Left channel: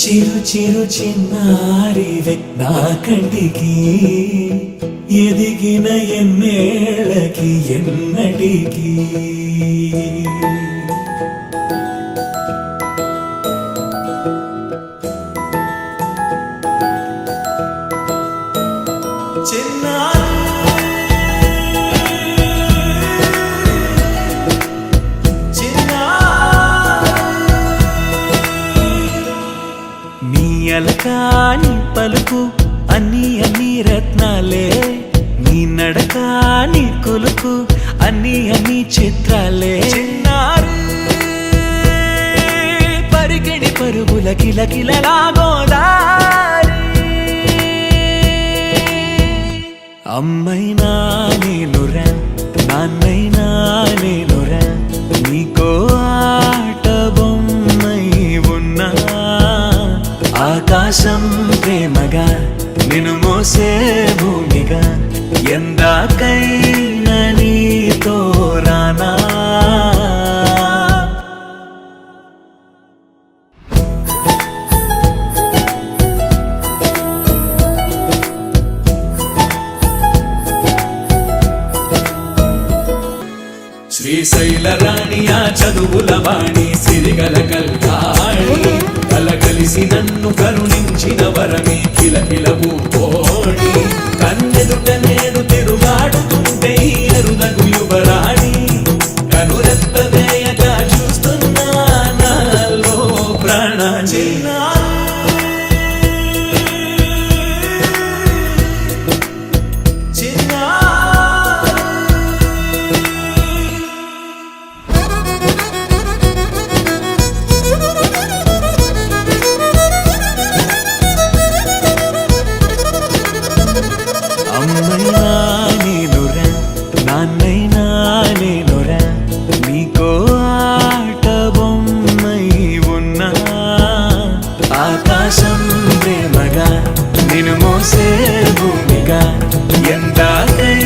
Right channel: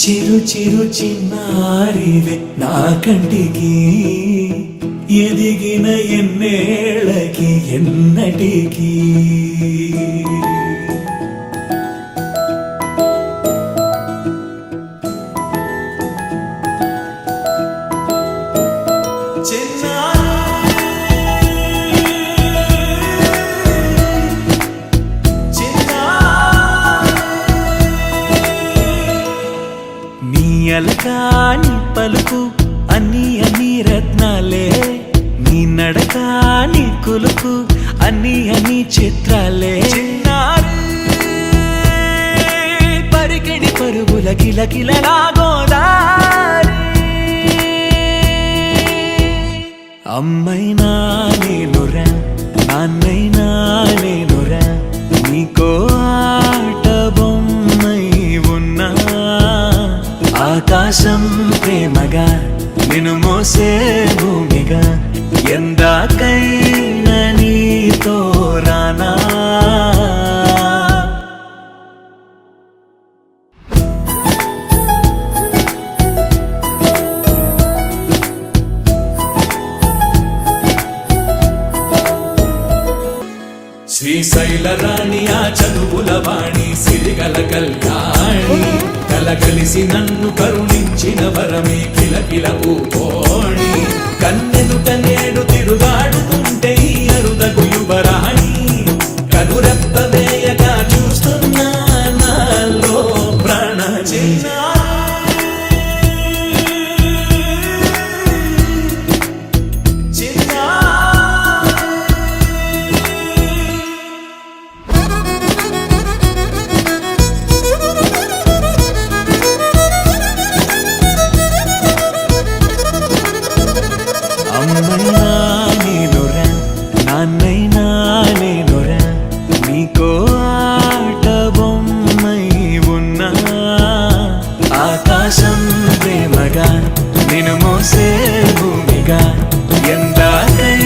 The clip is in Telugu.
చిరు చిరు చిన్నారివే నా కంటికి ఎదిగిన ఎన్నేళ్ళకి ఎన్నటికి అలకాని పలుకు అన్ని అన్ని రత్నాలే నీ నడకాని కులుకు అన్ని అన్ని చిత్రాలే చిన్నారు పరికిణి పరుగుల కిలకిలలాగోదారి అమ్మైనా నేనురా నాన్నైనా నేనురా నీకో ఆట బొమ్మై ఉన్నా ఆకాశం ప్రేమగా నిన్ను మోసే భూమిగా ఎందాకైనా నీతో రానా శ్రీశైల రాణి ఆ చదువుల వాణి సిరిగల కళ్యాణి కలిసి నన్ను కరుణించిన వరమే కిలకిల పూకోణి కన్నెదుట నేడు తిరుగాడుతుంటే అరుదకు యువరాణి కనురెప్ప వేయగా చూస్తున్నా నాలో ప్రాణ అమ్మైనా నేనురా నాన్నైనా నేనురా నీకో ఆట బొమ్మై ఉన్నా ఆకాశం ప్రేమగా నిన్ను మోసే భూమిగా ఎందాకై